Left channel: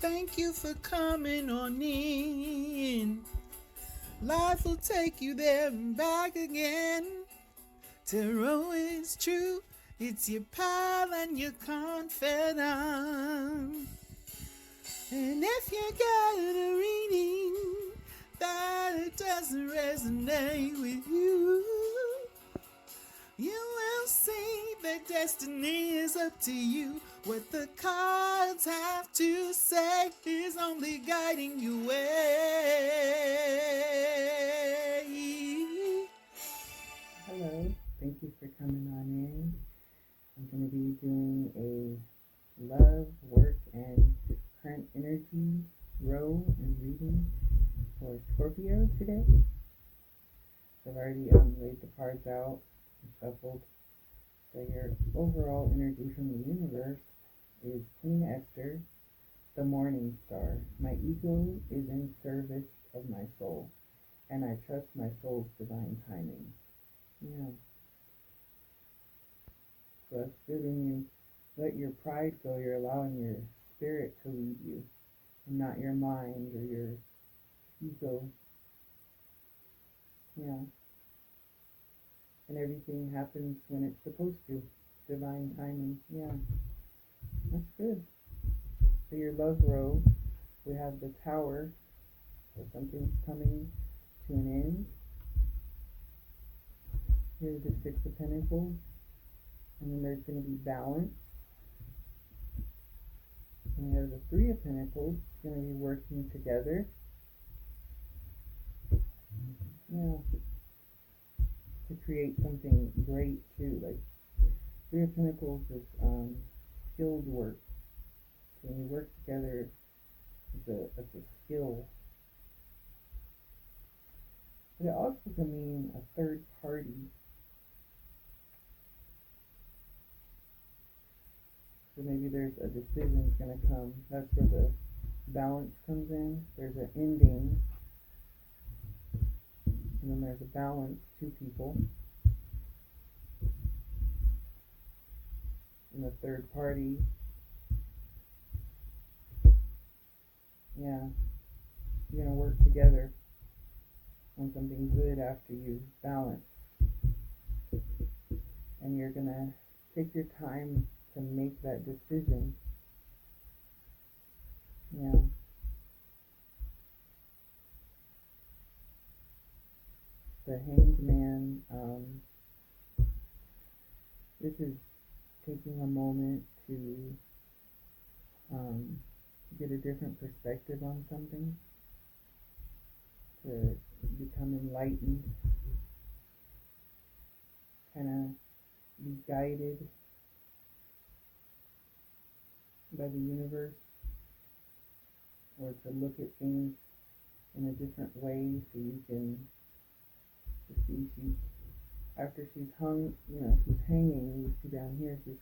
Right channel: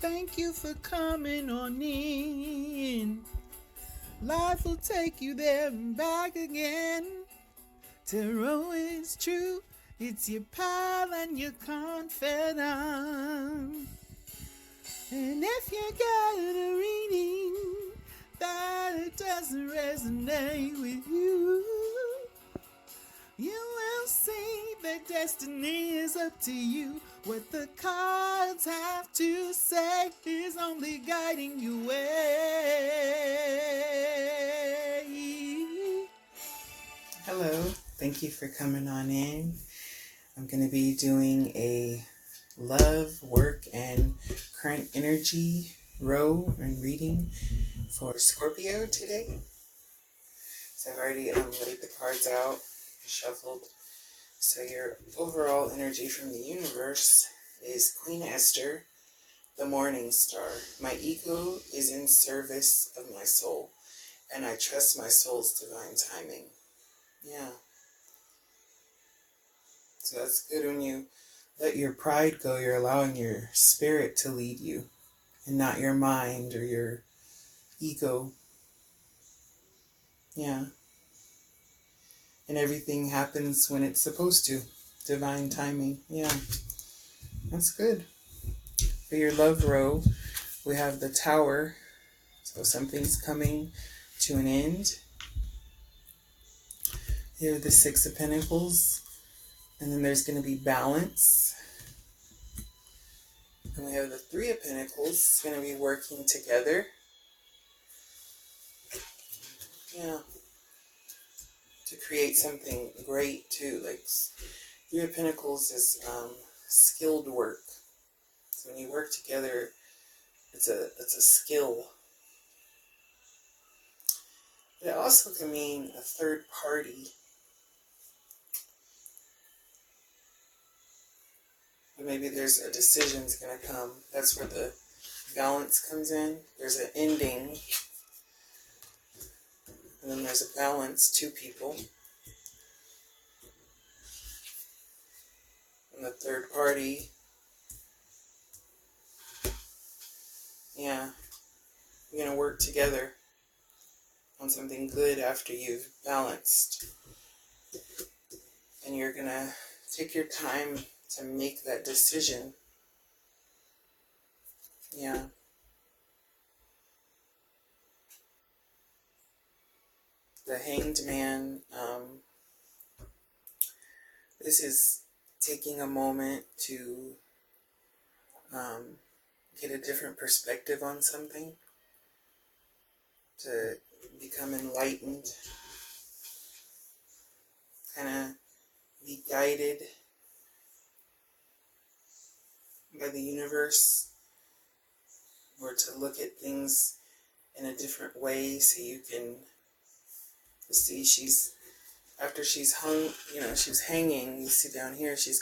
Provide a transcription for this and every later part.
Thank you for coming on in. Life will take you there and back again. Tarot is true. It's your pal and your confidant. And if you got a reading that it doesn't resonate with you, you will see that destiny is up to you. What the cards have to say is only guiding you way. Hello, thank you for coming on in. I'm going to be doing a love, work, and current energy row and reading for Scorpio today. So I've already laid the cards out and shuffled. So your overall energy from the universe is Queen Esther, the morning star. My ego is in service of my soul, and I trust my soul's divine timing. Yeah. So that's good. When you let your pride go, you're allowing your spirit to lead you and not your mind or your ego. Yeah. And everything happens when it's supposed to. Divine timing. Yeah. That's good. For your love row, we have the Tower. So something's coming to an end. Here are the Six of Pentacles. And then there's going to be balance. And we have the Three of Pentacles. It's going to be working together. Yeah. To create something great too. Like Three of Pentacles is skilled work. So when you work together, it's a skill. But it also can mean a third party. But maybe there's a decision's going to come. That's where the balance comes in. There's an ending. And then there's a balance, two people. And the third party. Yeah. You're going to work together on something good after you've balanced. And you're going to take your time to make that decision. Yeah. The Hanged Man, this is taking a moment to get a different perspective on something, to become enlightened, kind of be guided by the universe, or to look at things in a different way so you can see after she's hung, she's hanging, you see down here, she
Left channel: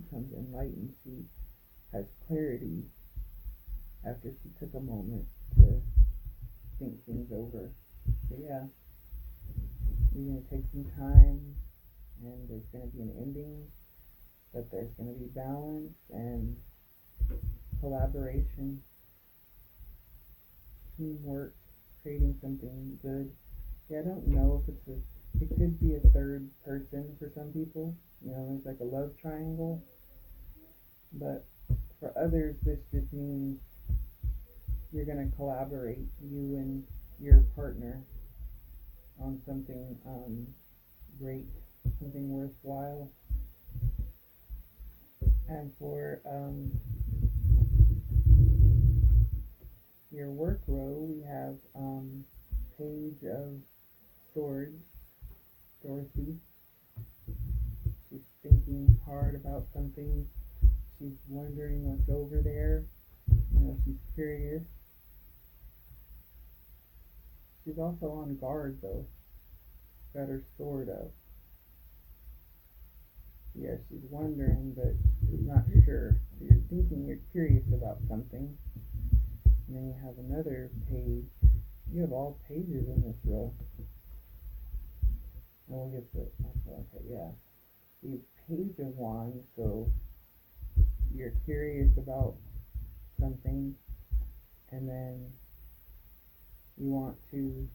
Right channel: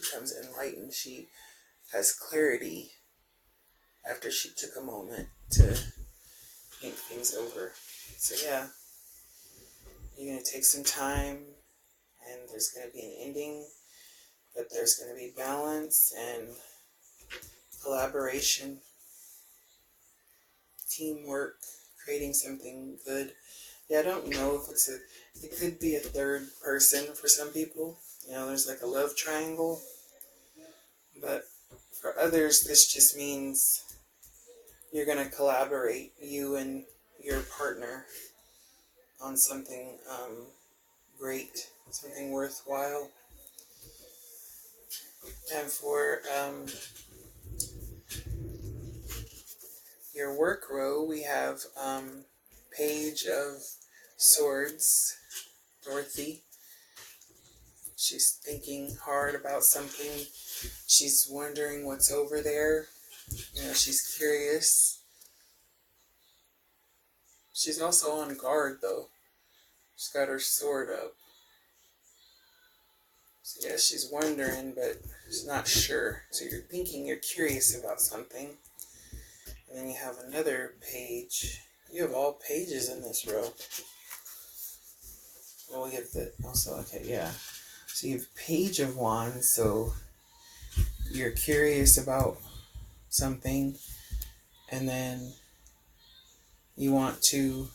becomes enlightened. She has clarity after she took a moment to think things over. So yeah, you're going to take some time, and there's going to be an ending, but there's going to be balance and collaboration, teamwork, creating something good. Yeah, I don't know if it could be a third person for some people. There's like a love triangle. But for others, this just means you're going to collaborate, you and your partner, on something great, something worthwhile. And for your work row, we have Page of Swords, Dorothy. She's thinking hard about something. She's wondering what's over there. She's curious. She's also on guard, though. She's got her sword up. So yeah, she's wondering, but she's not sure. So you're thinking, you're curious about something. And then you have another page. You have all pages in this row. And we have okay, yeah. So you have Page of Wands, so you're curious about something, and then you want to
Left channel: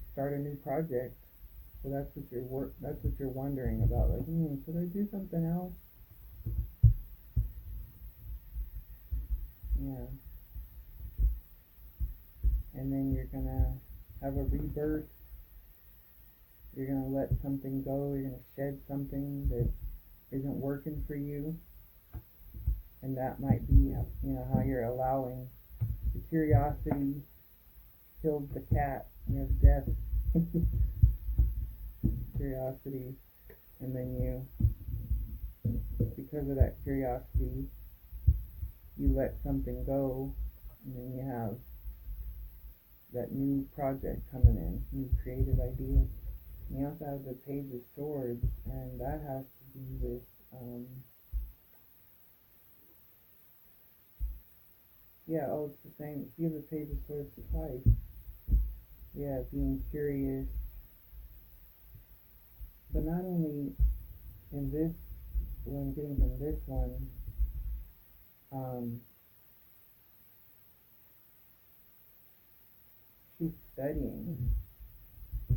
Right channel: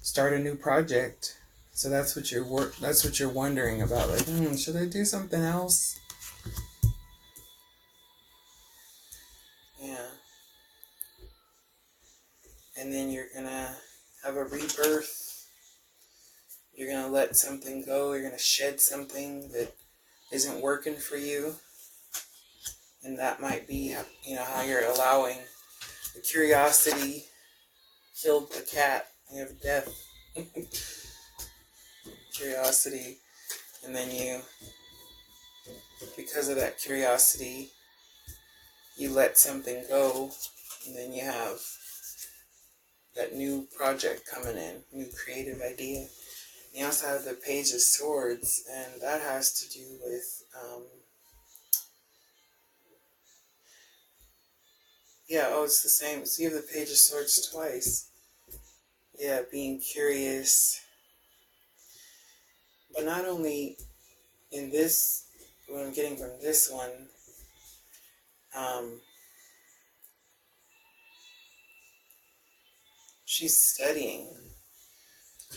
start a new project. So that's what you're wondering about. Like, should I do something else? Yeah. And then you're gonna have a rebirth. You're gonna let something go. You're gonna shed something that isn't working for you. And that might be, how you're allowing the curiosity killed the cat. You have death. Curiosity. And then because of that curiosity, you let something go. And then you have that new project coming in, new creative idea. And you also have the Page of Swords, and that has to do with, it's the same. So you have the Page of Swords twice. Yeah, being curious. But not only in this, what I'm getting from this one, she's studying.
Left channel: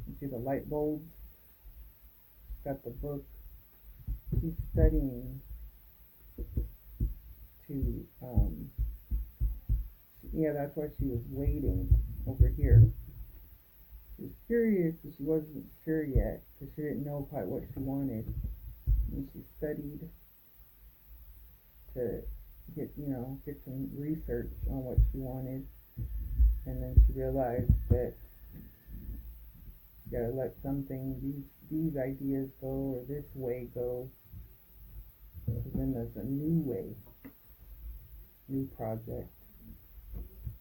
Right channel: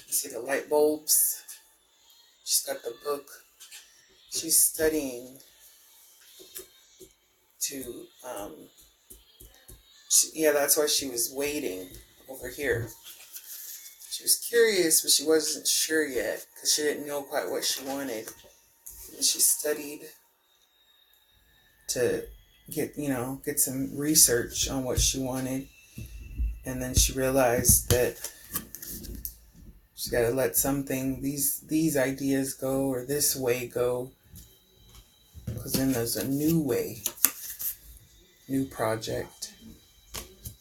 You see the light bulbs? She's got the book. She's studying to, that's why she was waiting over here. She was curious, but she wasn't sure yet because she didn't know quite what she wanted. And she studied to get some research on what she wanted. And then she realized that she's got to let these ideas go, or this way go, because then there's a new way, new project.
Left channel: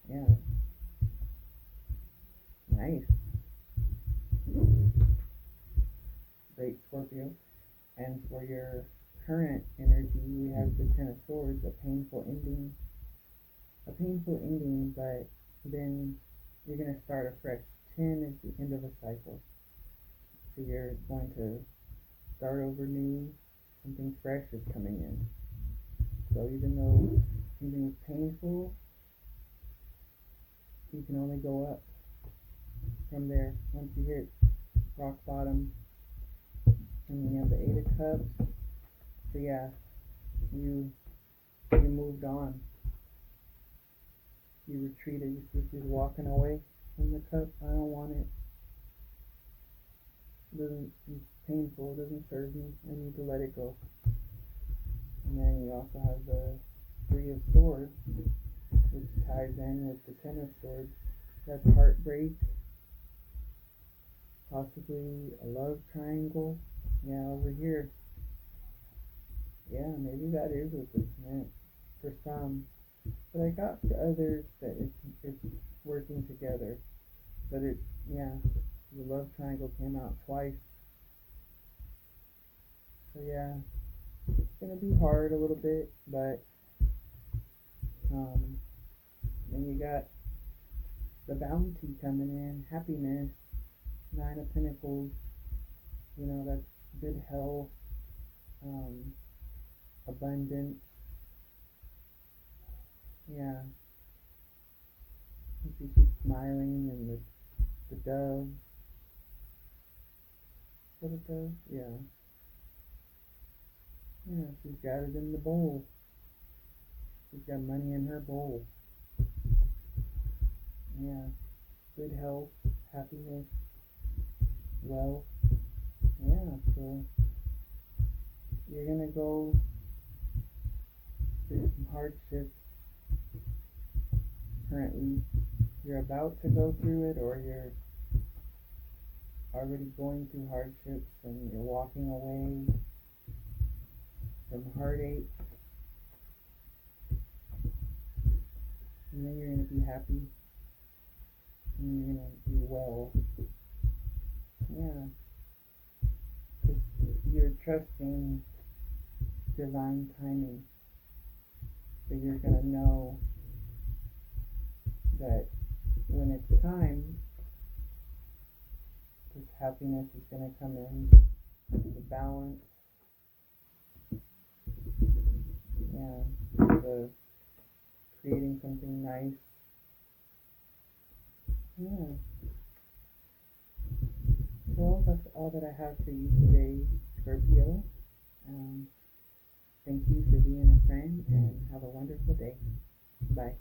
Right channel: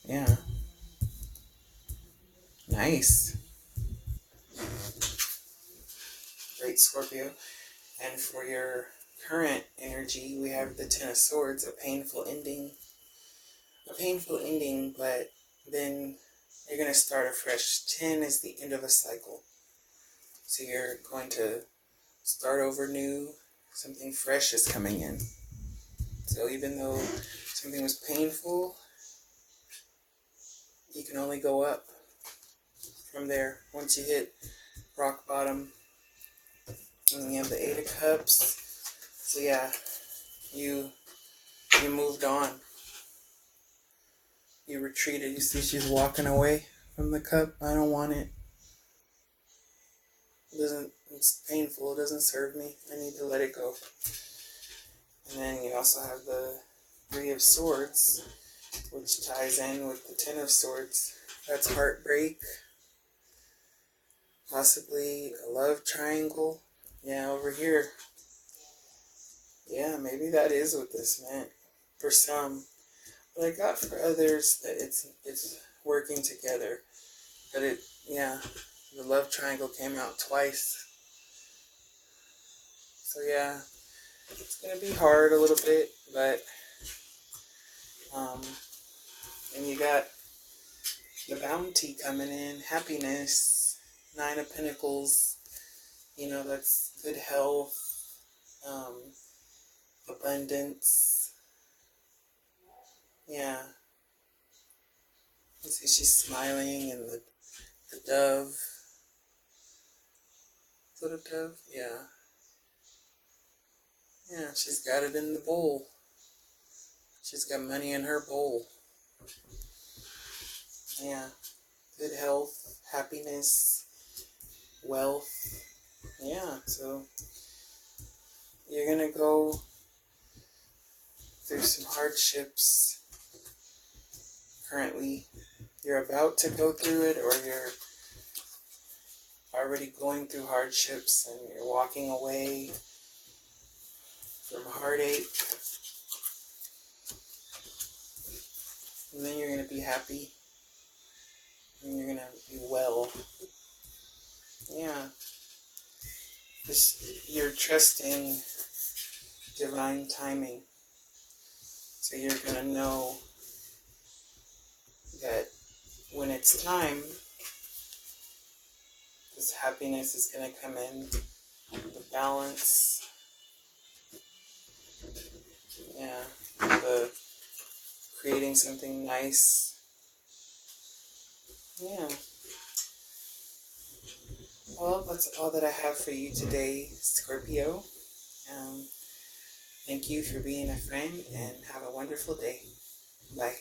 Yeah. Nice. Great, Scorpio. And for your current energy, we have the Ten of Swords, a painful ending. A painful ending, but then you're going to start afresh. 10 is the end of a cycle. So you're going to start over new. Something fresh is coming in. So even though something was painful, you can only go up from there. Once you hit rock bottom, and you have the Eight of Cups. So yeah, you moved on. You retreated. You see she's walking away from the cup. I don't want it. It's painful. It doesn't serve me. I need to let it go. And then you also have the Three of Swords, which ties in with the Ten of Swords. That's heartbreak. Possibly a love triangle. Yeah, over here. Yeah, maybe that is what this meant for some. But I got for others that it's working together. But the love triangle came out twice. So yeah, it's going to be hard a little bit, but and you got the bounty coming in, happiness, Nine of Pentacles, that's good health, abundance. Yeah. You see she's smiling, and the dove. Is that a dove? Yeah. Yeah, she's got it in the bowl. She's got money in her bowl. Yeah. Good health, happiness, wealth. Yeah, so you're going to go through some hardships. Currently, you're about to go through it, or you're already going through hardships and you're walking away from heartache. And then you're going to be happy. And you're going to be well. Yeah. Because you're trusting divine timing. So you're going to know that when it's time, this happiness is going to come in, the balance, the creating something nice. Yeah. Well, that's all that I have for you today, Scorpio. Thank you for being a friend and have a wonderful day. Bye.